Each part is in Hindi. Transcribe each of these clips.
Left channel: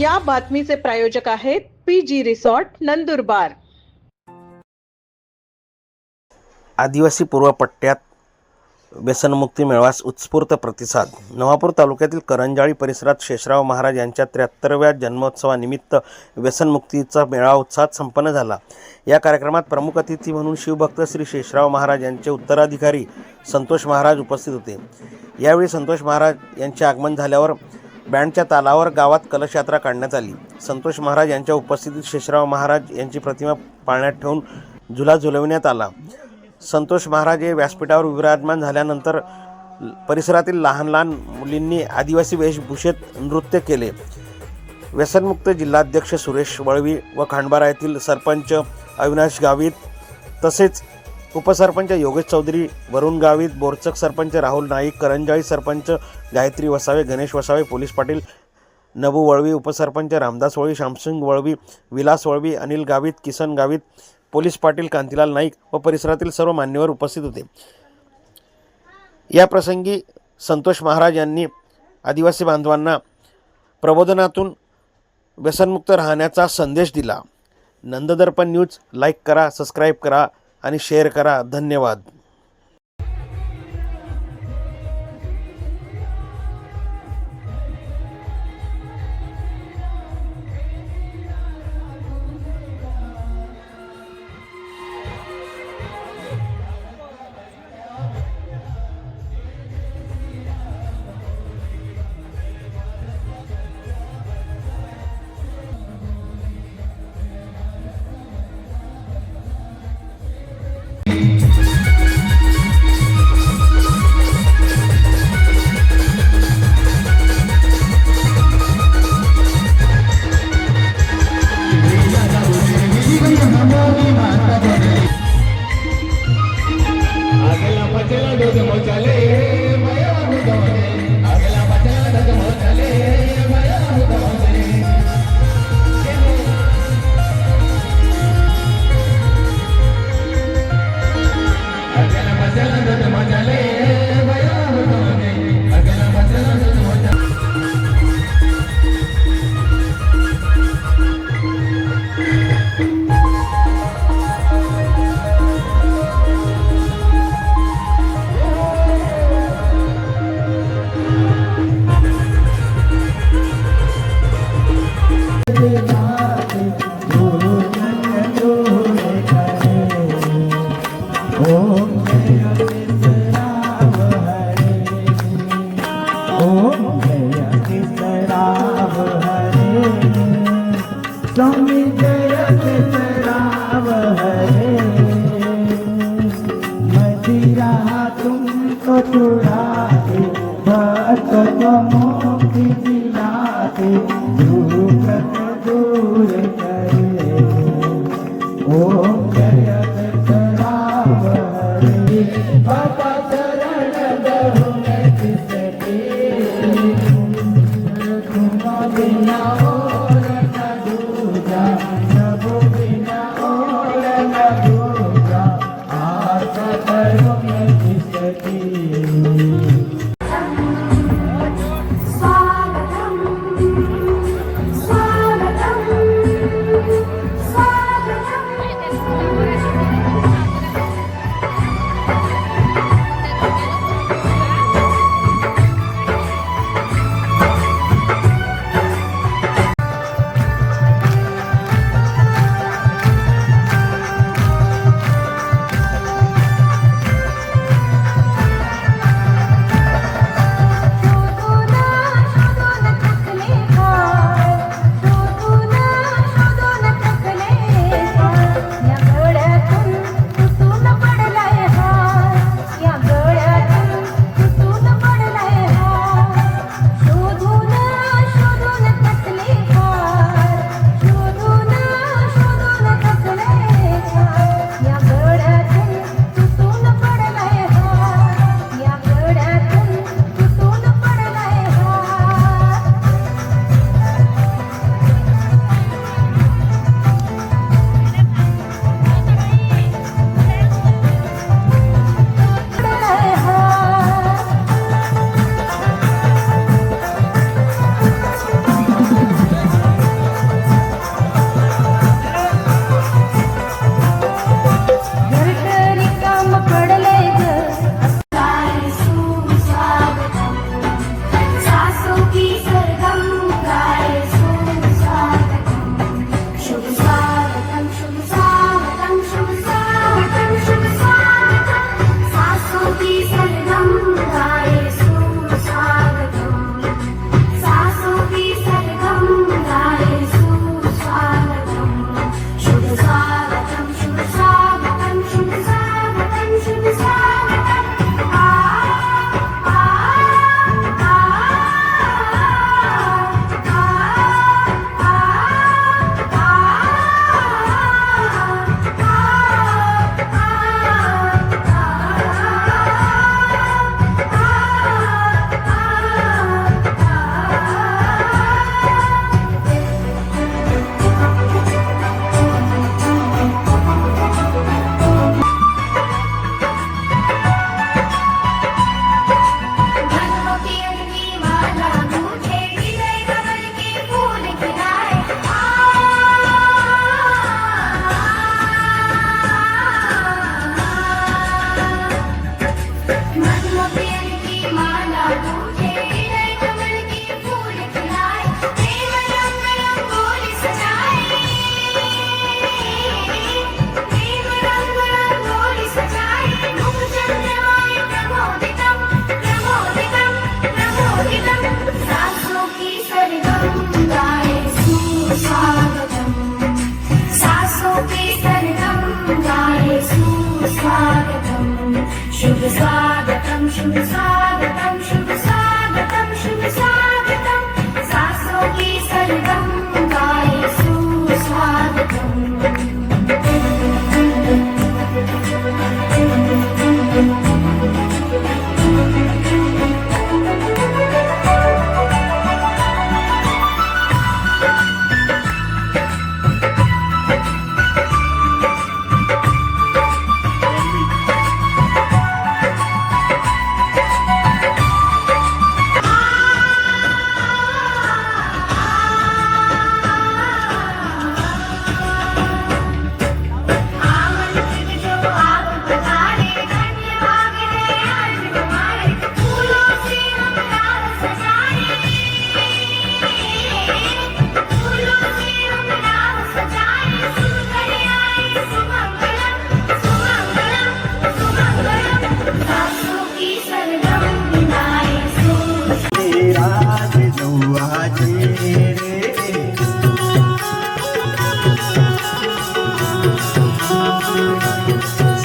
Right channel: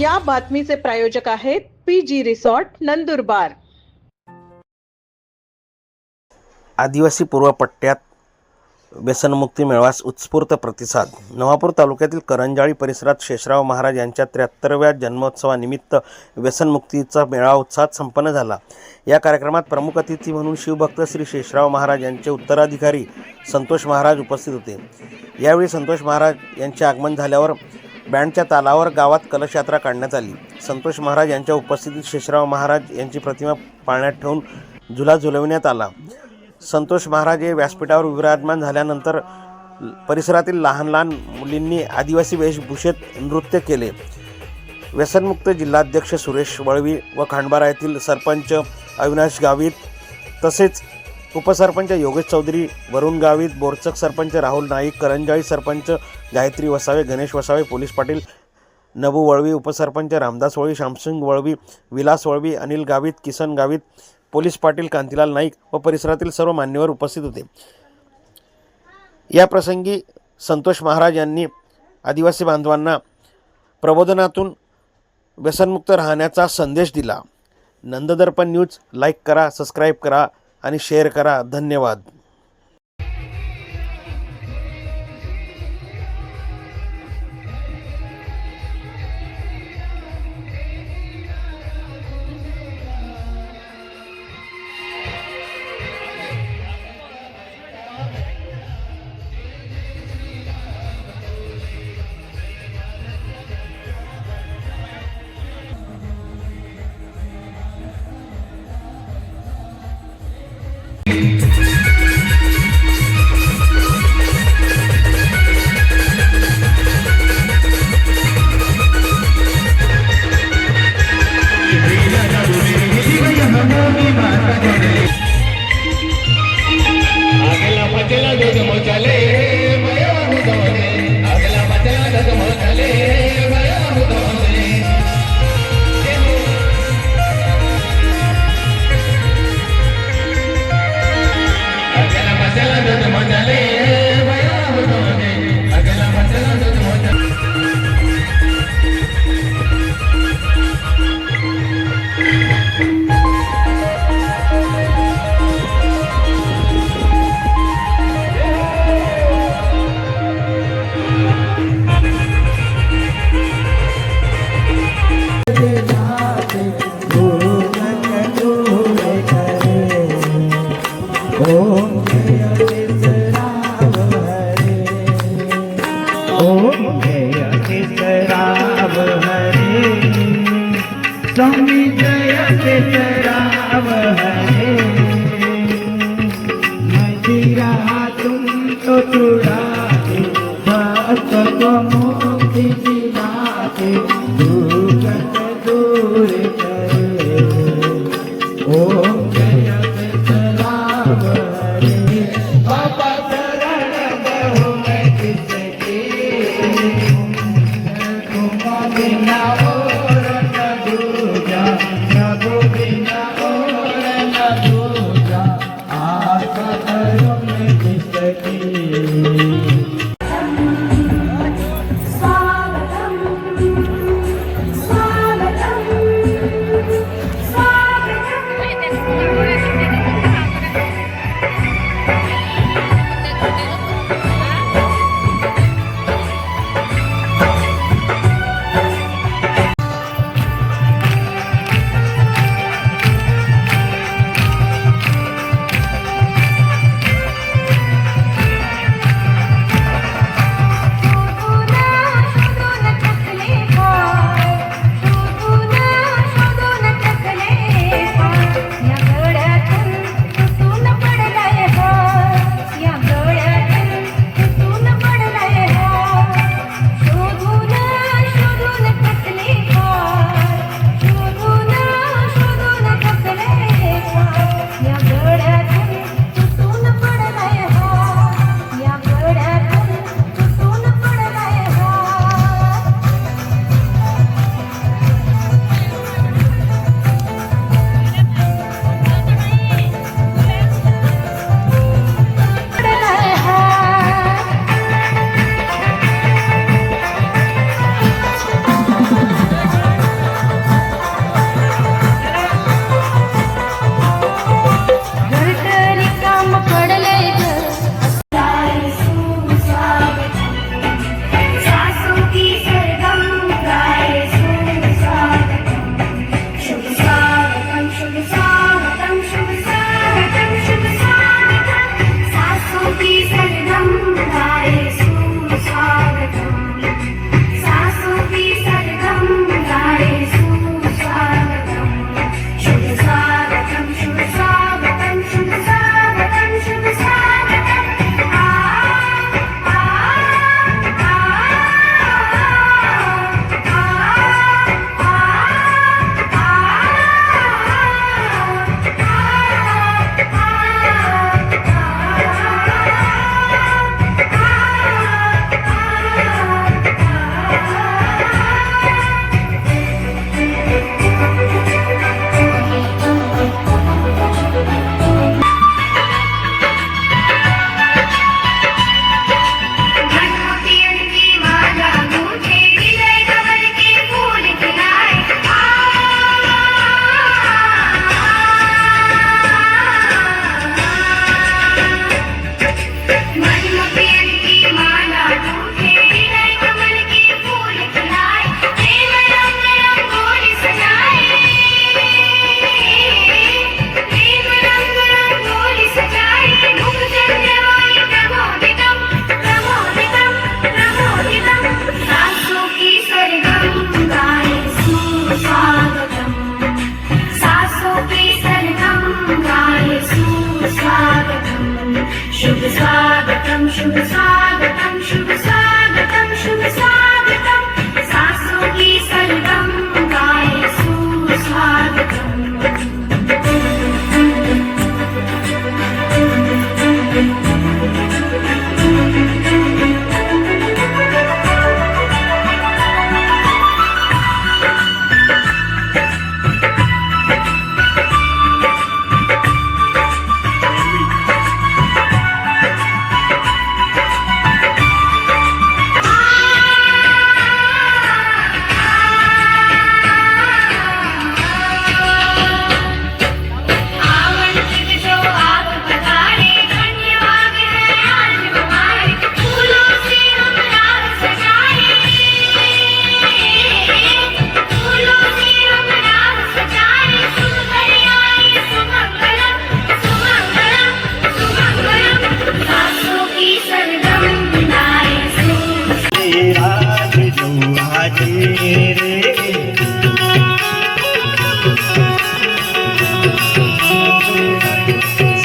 या बातमीचे प्रायोजक आहेत PG रिसॉर्ट नंदुरबार। आदिवासी पूर्व पट्ट्यात व्यसनमुक्ती मेळाव्यास उत्स्फूर्त प्रतिसाद। नवापूर तालुक्यातील करंजाळी परिसरात शेषराव महाराज यांच्या 73व्या जन्मोत्सवानिमित्त व्यसनमुक्तीचा मेळावा उत्साहात संपन्न झाला। या कार्यक्रमात प्रमुख अतिथी म्हणून शिवभक्त श्री शेषराव महाराज यांचे उत्तराधिकारी संतोष महाराज उपस्थित होते। यावेळी संतोष महाराज यांचे आगमन झाल्यावर बँडच्या तालावर गावात कलश यात्रा काढण्यात आली। संतोष महाराज यांच्या उपस्थितीत शेषराव महाराज यांची प्रतिमा पाळण्यात ठेवून झुला झुलविण्यात आला। संतोष महाराज हे व्यासपीठावर विराजमान झाल्यानंतर परिसरातील लहान लहान मुलींनी आदिवासी वेशभूषेत नृत्य केले। व्यसनमुक्त जिल्हाध्यक्ष सुरेश वळवी व खांडबारा येथील सरपंच अविनाश गावित तसेच उपसरपंच योगेश चौधरी, वरुण गावित, बोरचक सरपंच राहुल नाईक, करंजाळी सरपंच गायत्री वसावे, गणेश वसावे, पोलीस पाटील नबू वळवी, उपसरपंच रामदास वळवी, शामसिंग वळवी, विलास वळवी, अनिल गावित, किसन गावित, पोलीस पाटील कांतीलाल नाईक व परिसरातील सर्व मान्यवर उपस्थित होते। या प्रसंगी संतोष महाराज यांनी आदिवासी बांधवांना प्रबोधनातून व्यसनमुक्त राहण्याचा संदेश दिला। नंददर्पण न्यूज लाईक करा, सबस्क्राईब करा आणि शेअर करा। धन्यवाद।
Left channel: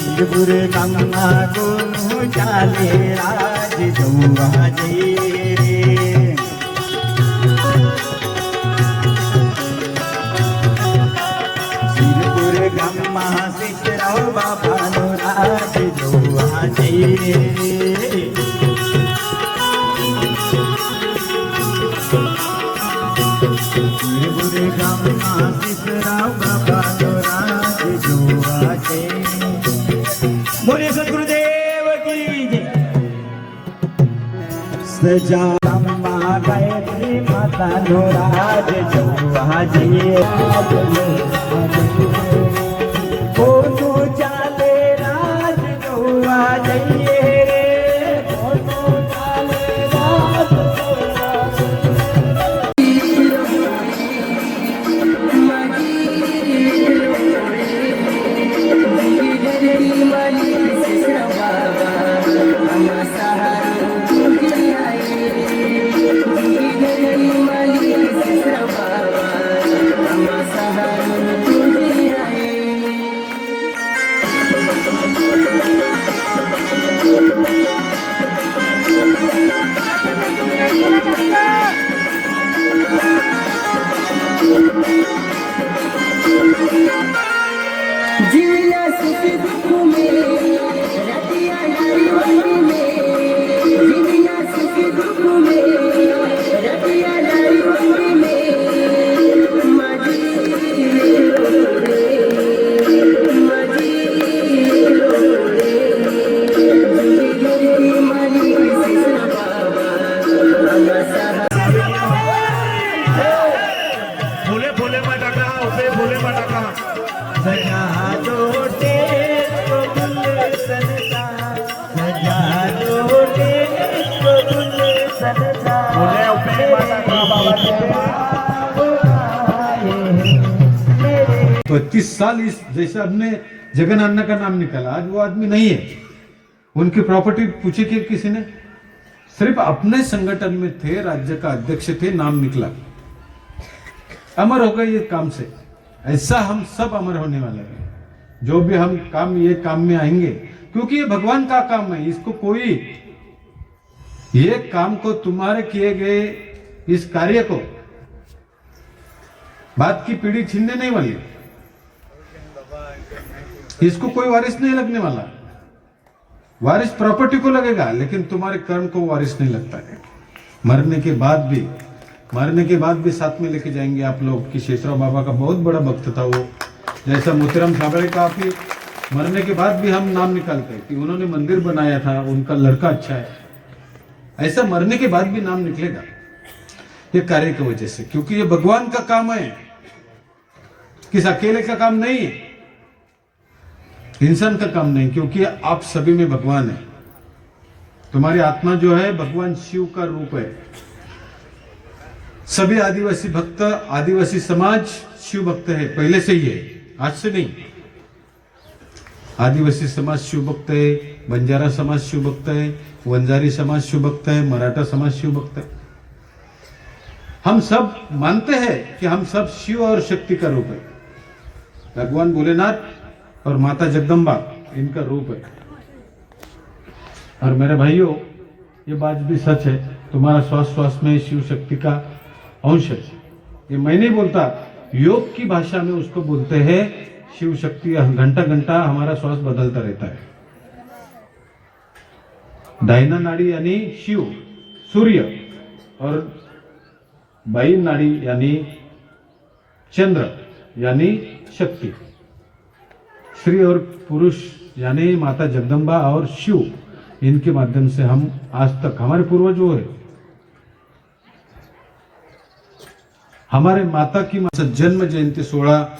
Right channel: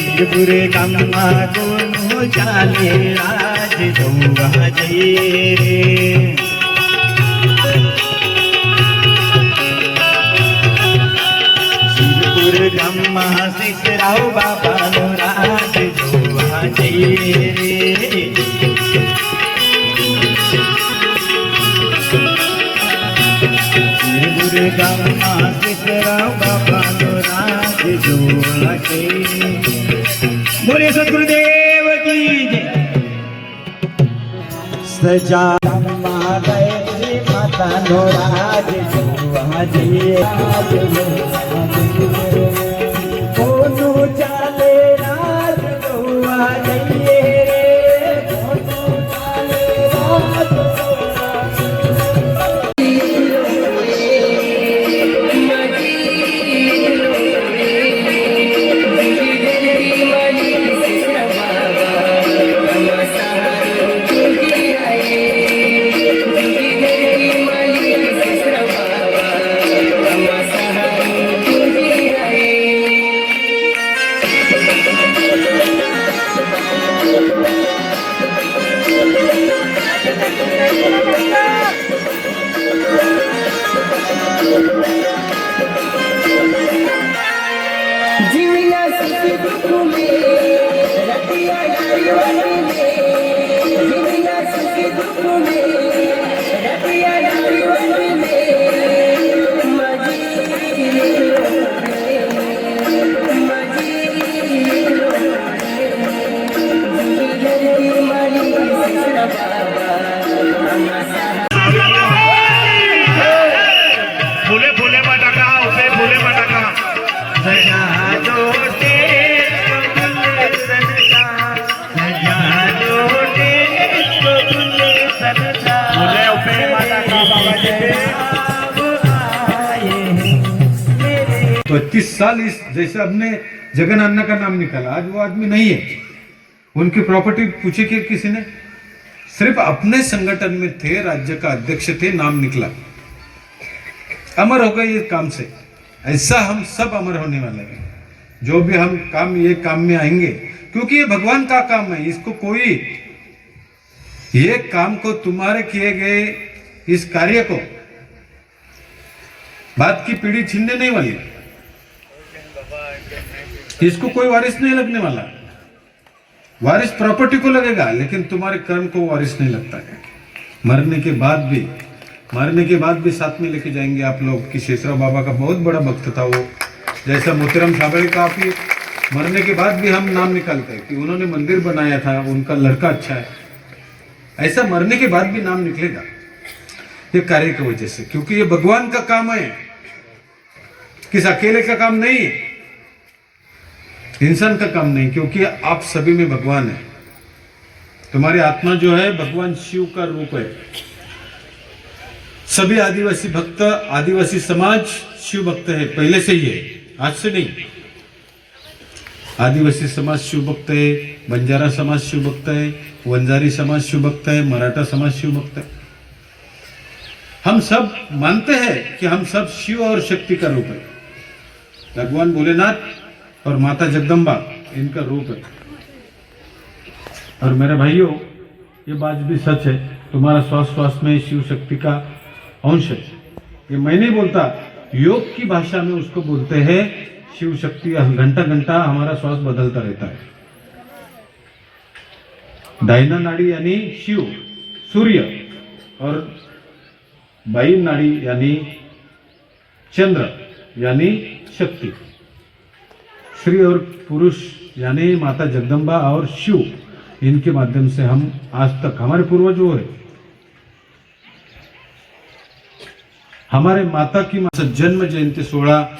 सिरपुर गम्मा को चाले राज गौवा जी सिरपुर गम्मा सिकराव बाबा नो राज गौवा जी सिरपुर गम्मा सिकराव बाबा नो राज गौवा जी। बोले सदगुरुदेव की जय। सजा गायत्री माता नो राज गौवा जी कोनो चाले राज गौवा जी कोनो चाले राज जीविया सुखी दुख में रतिया नारीवाली में जीविया सुखी दुख में रतिया नारीवाली में फुले फुले मटका उभे फुले मटका तो 25 साल इस जैसे हमने जगन अन्ना का नाम निकाला, आज वो आदमी नहीं है। उनकी प्रॉपर्टी पूछी कि किसी ने, सिर्फ अपने संगठन में थे, राज्य का अध्यक्ष थे, नाम निकला, अमर हो गए ये काम से। ऐसा हम सब अमर होने वाले हैं। जो भी हम काम ये काम में आएंगे, क्योंकि ये भगवान का काम है। इसको कोई ये काम को तुम्हारे किए गए इस कार्य को बाद की पीढ़ी छीनने नहीं वाली। इसको कोई वारिस नहीं लगने वाला। वारिस प्रॉपर्टी को लगेगा, लेकिन तुम्हारे कर्म को वारिस नहीं लगता है। मरने के बाद भी साथ में लेके जाएंगे आप लोग। कि शेषराव बाबा का बहुत बड़ा भक्त था वो। जैसा मोतीराम साबळे का आप मरने के बाद भी हम नाम निकालते हैं कि उन्होंने मंदिर बनाया था, उनका लड़का अच्छा है। ऐसा मरने के बाद भी नाम निकलेगा ये कार्य की वजह से, क्योंकि ये भगवान का काम है, किस अकेले का काम नहीं है, इंसान का काम नहीं। क्योंकि आप सभी में भगवान है। तुम्हारी आत्मा जो है भगवान शिव का रूप है। सभी आदिवासी भक्त, आदिवासी समाज शिव भक्त है, पहले से ही है, आज से नहीं। आदिवासी समाज शिव भक्त है, बंजारा समाज शिव भक्त है, वंजारी समाज शिव भक्त है, मराठा समाज शिव भक्त है। हम सब मानते हैं कि हम सब शिव और शक्ति का रूप है। भगवान भोलेनाथ और माता जगदम्बा इनका रूप है। और मेरे भाइयों, ये बात भी सच है, तुम्हारा श्वास में शिव शक्ति का अंश है। ये मैं नहीं बोलता, योग की भाषा में उसको बोलते हैं शिव शक्ति। घंटा घंटा हमारा श्वास बदलता रहता है। डायना नाड़ी यानी शिव सूर्य, और बाई नाड़ी यानी चंद्र यानी शक्ति। स्त्री और पुरुष यानी माता जगदम्बा और शिव, इनके माध्यम से हम आज तक, हमारे पूर्वज वो है, हमारे माता की जन्म जयंती 16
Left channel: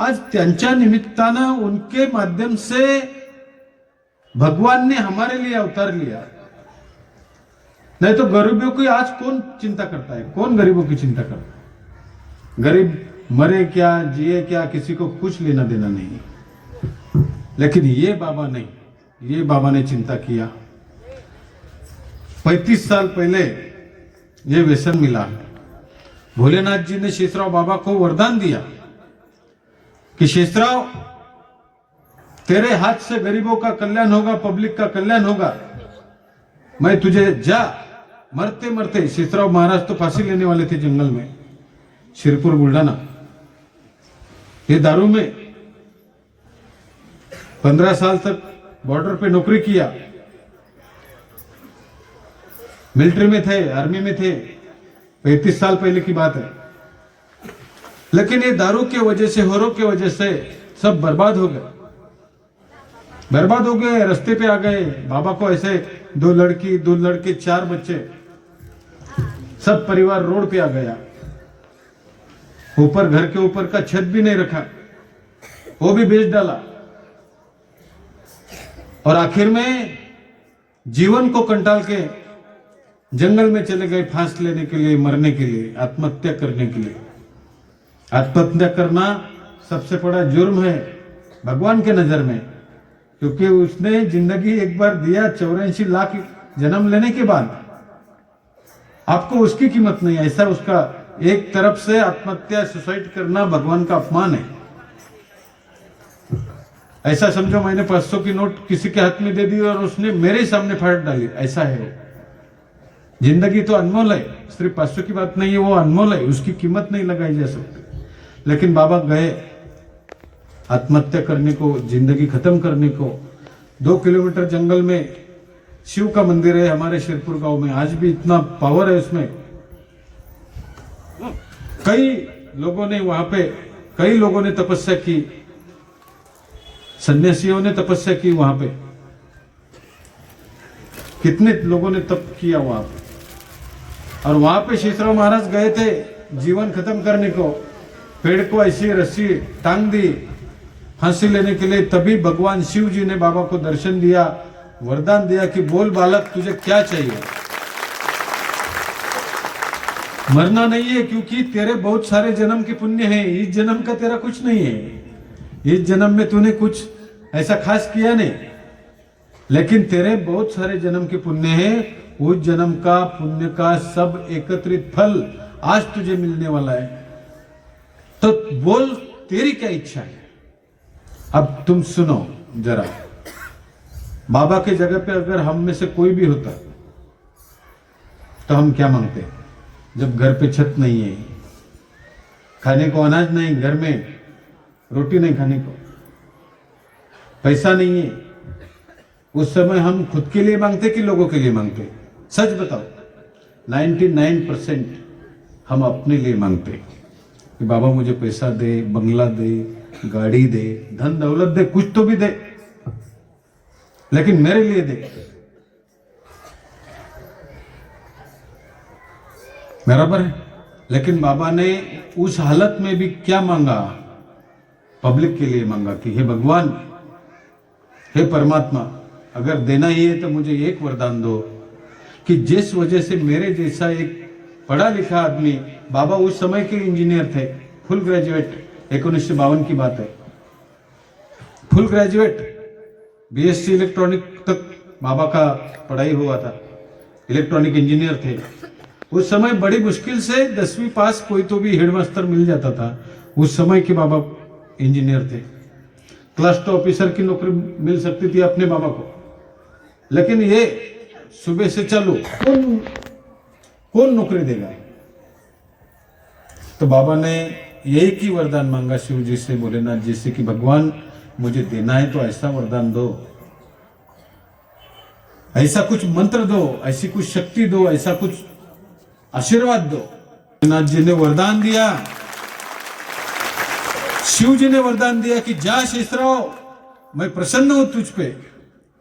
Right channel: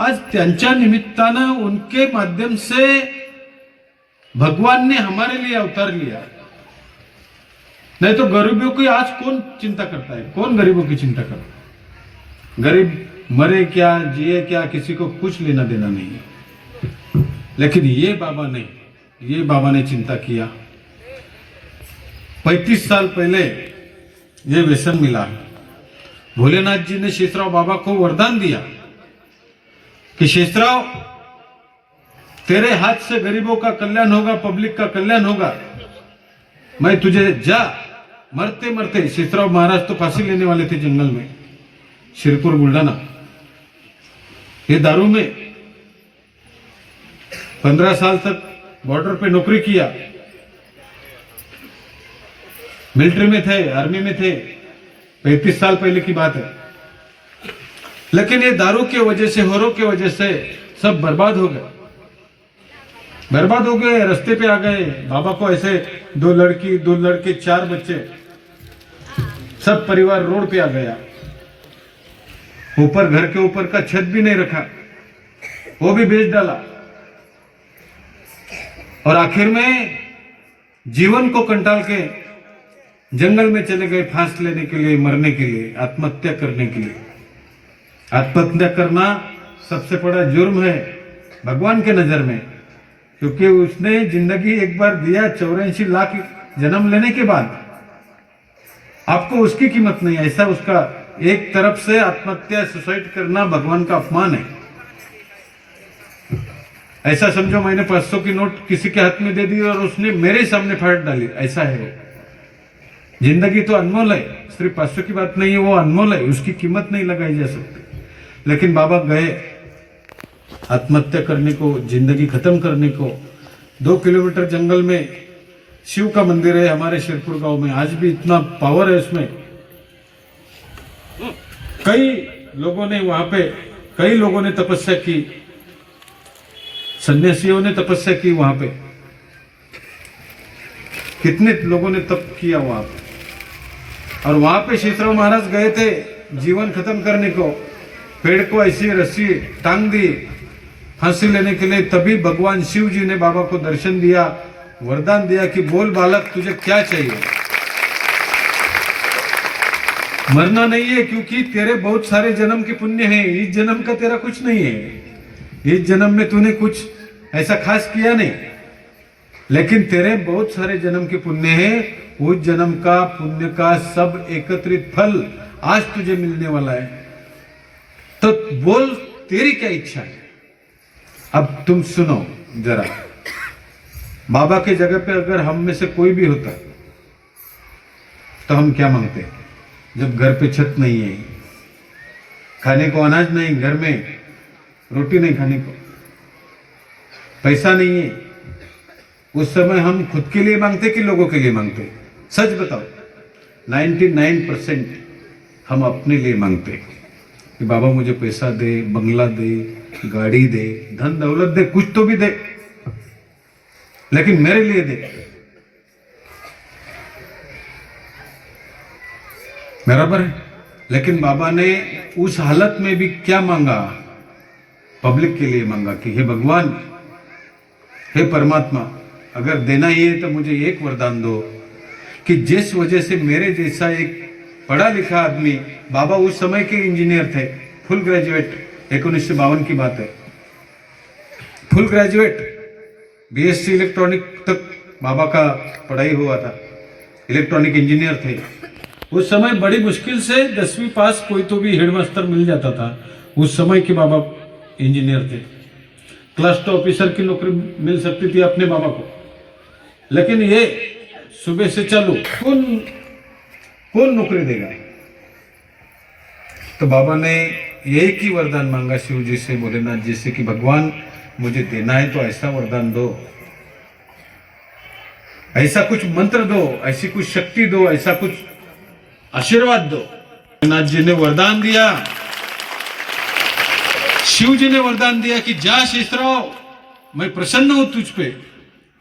आज त्यांच्या निमित्तानं उनके माध्यम से भगवान ने हमारे लिए अवतार लिया। नहीं तो गरीबों की आज कौन चिंता करता है? कौन गरीबों की चिंता करता है? गरीब मरे क्या, जिए क्या, किसी को कुछ लेना देना नहीं है। लेकिन ये बाबा ने चिंता किया। 35 साल पहले ये व्यसन मिला, भोलेनाथ जी ने शेषराव बाबा को वरदान दिया कि शेषराव, तेरे हाथ से गरीबों का कल्याण होगा, पब्लिक का कल्याण होगा। मैं तुझे जा, मरते मरते, शेषराव महाराज तो फांसी लेने वाले थे जंगल में, शिरपुर बुल्ढाना। ये दारू में 15 साल तक बॉर्डर पे नौकरी किया, मिलिट्री में थे, आर्मी में थे, 35 साल पहले की बात है। लेकिन ये दारू की वजह से, होरों की वजह से सब बर्बाद हो गए, बर्बाद हो गए, रास्ते पे आ गए। बाबा को ऐसे 2 लड़की 2 लड़के 4 बच्चे, सब परिवार रोड पे आ गया। ऊपर घर के ऊपर का छत भी नहीं रखा, वो भी बेच डाला। और आखिर में जीवन को कंटाल के जंगल में चले गए फांसी लेने के लिए, मरने के लिए, आत्महत्या करने के लिए। आत्महत्या करना सबसे बड़ा जुर्म है भगवान के नजर में, क्योंकि उसने जिंदगी एक बार दिया 84 लाख जन्म लेने के बाद, आपको उसकी कीमत नहीं। ऐसा उसका एक तरफ से आत्महत्या, सुसाइड करना भगवान का अपमान है। ऐसा समझो मैंने 500 की नोट किसी के हाथ में दे दी और उसने मेरे सामने फाड़ डाली, ऐसा है। जिंदगी तो अनमोल है, सिर्फ 500 की बात नहीं है, वो अनमोल है, उसकी कीमत नहीं लगाई जा सकती। लेकिन बाबा गए आत्महत्या करने को, जिंदगी खत्म करने को। 2 किलोमीटर जंगल में शिव का मंदिर है हमारे शिरपुर गांव में, आज भी इतना पावर है उसमें। कई लोगों ने वहां पे, कई लोगों ने तपस्या की, सन्यासियों ने तपस्या की वहां पे, कितने लोगों ने तप किया वहां पे। और वहां पे शेषराव महाराज गए थे जीवन खत्म करने को, पेड़ को ऐसी रस्सी टांग दी फांसी लेने के लिए। तभी भगवान शिव जी ने बाबा को दर्शन दिया, वरदान दिया कि बोल बालक, तुझे क्या चाहिए। मरना नहीं है, क्योंकि तेरे बहुत सारे जन्म के पुण्य हैं, इस जन्म का तेरा कुछ नहीं है। इस जन्म में तूने कुछ ऐसा खास किया नहीं, लेकिन तेरे बहुत सारे जन्म के पुण्य हैं। उस जन्म का पुण्य का सब एकत्रित फल आज तुझे मिलने वाला है। तो बोल, तेरी क्या इच्छा है। अब तुम सुनो जरा, बाबा की जगह पे अगर हम में से कोई भी होता तो हम क्या मांगते। जब घर पे छत नहीं है, खाने को अनाज नहीं, घर में रोटी नहीं खाने को, पैसा नहीं है, उस समय हम खुद के लिए मांगते कि लोगों के लिए मांगते। सच बताओ, 99% हम अपने लिए मांगते कि बाबा मुझे पैसा दे, बंगला दे, गाड़ी दे, धन दौलत दे, कुछ तो भी दे, लेकिन मेरे लिए दे। बराबर है। लेकिन बाबा ने उस हालत में भी क्या मांगा, पब्लिक के लिए मांगा कि हे भगवान, हे परमात्मा, अगर देना ही है तो मुझे एक वरदान दो कि जिस वजह से मेरे जैसा एक पढ़ा लिखा आदमी, बाबा उस समय के इंजीनियर थे, फुल ग्रेजुएट, 1952 की बात है, फुल ग्रेजुएट, बीएससी इलेक्ट्रॉनिक तक बाबा का पढ़ाई हुआ था, इलेक्ट्रॉनिक इंजीनियर थे। उस समय बड़ी मुश्किल से 10वीं पास कोई तो भी हेडमास्टर मिल जाता था। उस समय के बाबा इंजीनियर थे, क्लास 2 ऑफिसर की नौकरी मिल सकती थी अपने बाबा को। लेकिन ये सुबह से चालू, कौन नौकरी देगा। तो बाबा ने यही की वरदान मांगा शिव जी से, भोलेनाथ जी से कि भगवान मुझे देना है तो ऐसा वरदान दो, ऐसा कुछ मंत्र दो, ऐसी कुछ शक्ति दो, ऐसा कुछ आशीर्वाद दो। भोलेनाथ जी ने वरदान दिया, शिव जी ने वरदान दिया कि जा शेषराव, मैं प्रसन्न हूं तुझ पे,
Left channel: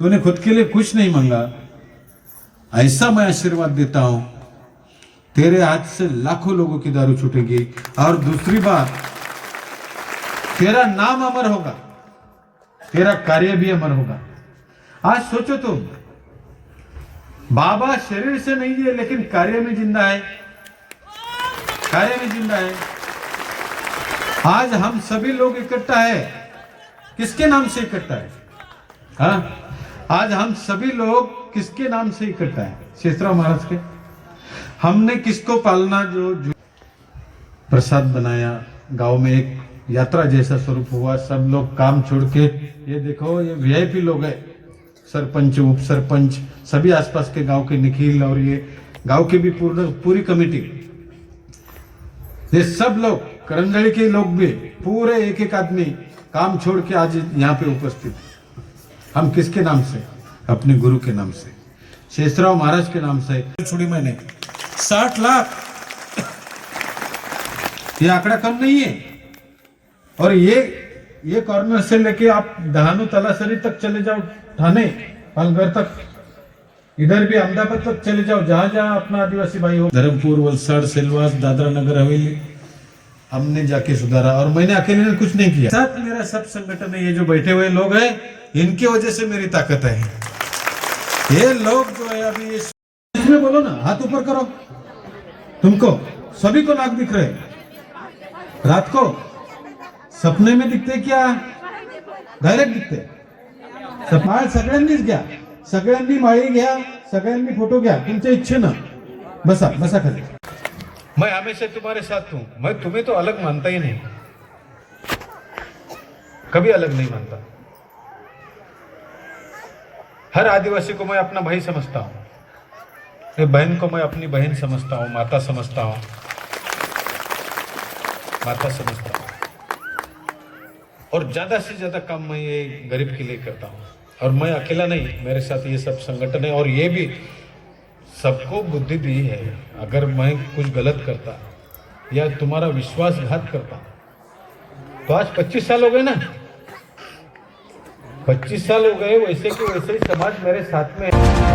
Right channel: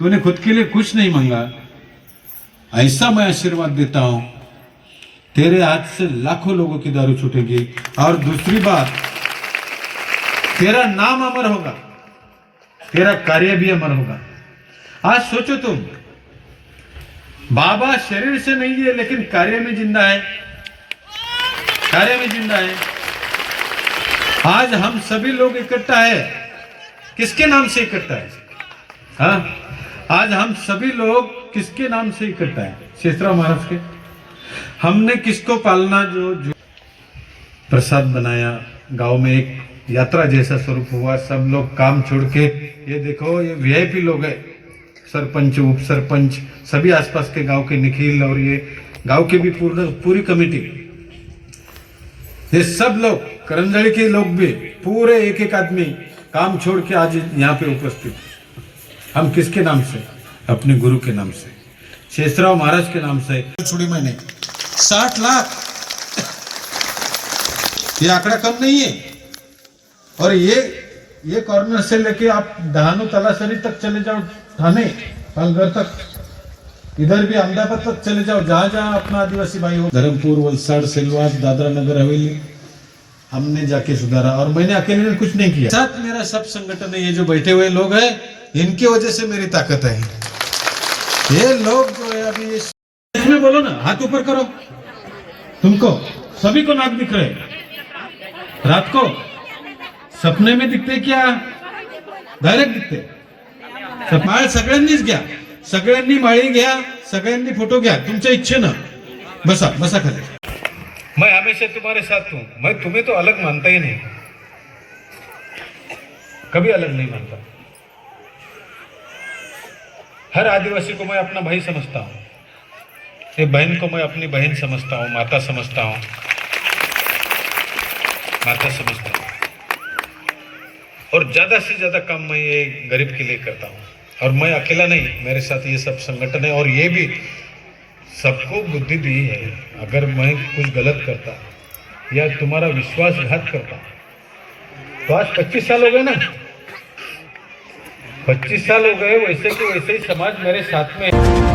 तूने खुद के लिए कुछ नहीं मांगा, ऐसा मैं आशीर्वाद देता हूं, तेरे हाथ से लाखों लोगों की दारू छूटेगी। और दूसरी बात, तेरा नाम अमर होगा, तेरा कार्य भी अमर होगा। आज सोचो तुम, बाबा शरीर से नहीं है लेकिन कार्य में जिंदा है, कार्य में जिंदा है। आज हम सभी लोग इकट्ठा है, किसके नाम से इकट्ठा है। हाँ, आज हम सभी लोग किसके नाम से इकट्ठा है, शेषराव महाराज के। हमने किसको पालना, जो प्रसाद बनाया, गांव में एक यात्रा जैसा स्वरूप हुआ। सब लोग काम छोड़ के, ये देखो ये वीआईपी लोग हैं, सरपंच, उप सरपंच, सभी आसपास के गांव के निखिल और ये गांव की भी पूरी कमेटी, ये सब लोग, करंजड़ी के लोग भी, पूरे एक एक आदमी काम छोड़ के आज यहाँ पे उपस्थित। हम किसके नाम से? अपने गुरु के नाम से, शेषराव महाराज के नाम से। छोड़ी मैंने 60 लाख, ये आंकड़ा कम नहीं है। और ये कॉर्नर से लेके आप डहानू तलासरी तक चले जाओ, थाने पालघर तक, इधर भी अहमदाबाद तक चले जाओ, जहां जहां अपना आदिवासी भाई हो, धर्मपुर, वलसाड़, सेलवास, दादरा नगर हवेली, हमने जाके सुधारा। और मैंने अकेले ने कुछ नहीं किया, साथ मेरा सब संगठन है। ये जो बैठे हुए लोग हैं, इनकी वजह से मेरी ताकत है। ये लोग जो है अभी इसमें बोलो ना, हाथ ऊपर करो। तुमको सभी को नाक दिख रहे, रात को सपने में दिखते क्या डायरेक्ट दिखते? माळ सगळ्यांनीच घ्या, सगळ्यांनी माळी घ्या, सगळ्यांनी फोटो घ्या, तुमच्या इच्छेनं बसा बसा खाली। मैं हमेशा तुम्हारे साथ हूं। मैं तुम्हें तो अलग मानता ही नहीं, कभी अलग नहीं मानता। हर आदिवासी को मैं अपना भाई समझता हूं, ये बहन को मैं अपनी बहन समझता हूं, माता समझता हूं, माता समझता हूं। और ज्यादा से ज्यादा काम मैं ये गरीब के लिए करता हूं। और मैं अकेला नहीं, मेरे साथ ये सब संगठन है। और ये भी सबको बुद्धि दी है, अगर मैं कुछ गलत करता या तुम्हारा विश्वासघात करता तो आज 25 साल हो गए ना, 25 साल हो गए, वैसे के वैसे ही समाज मेरे साथ में है।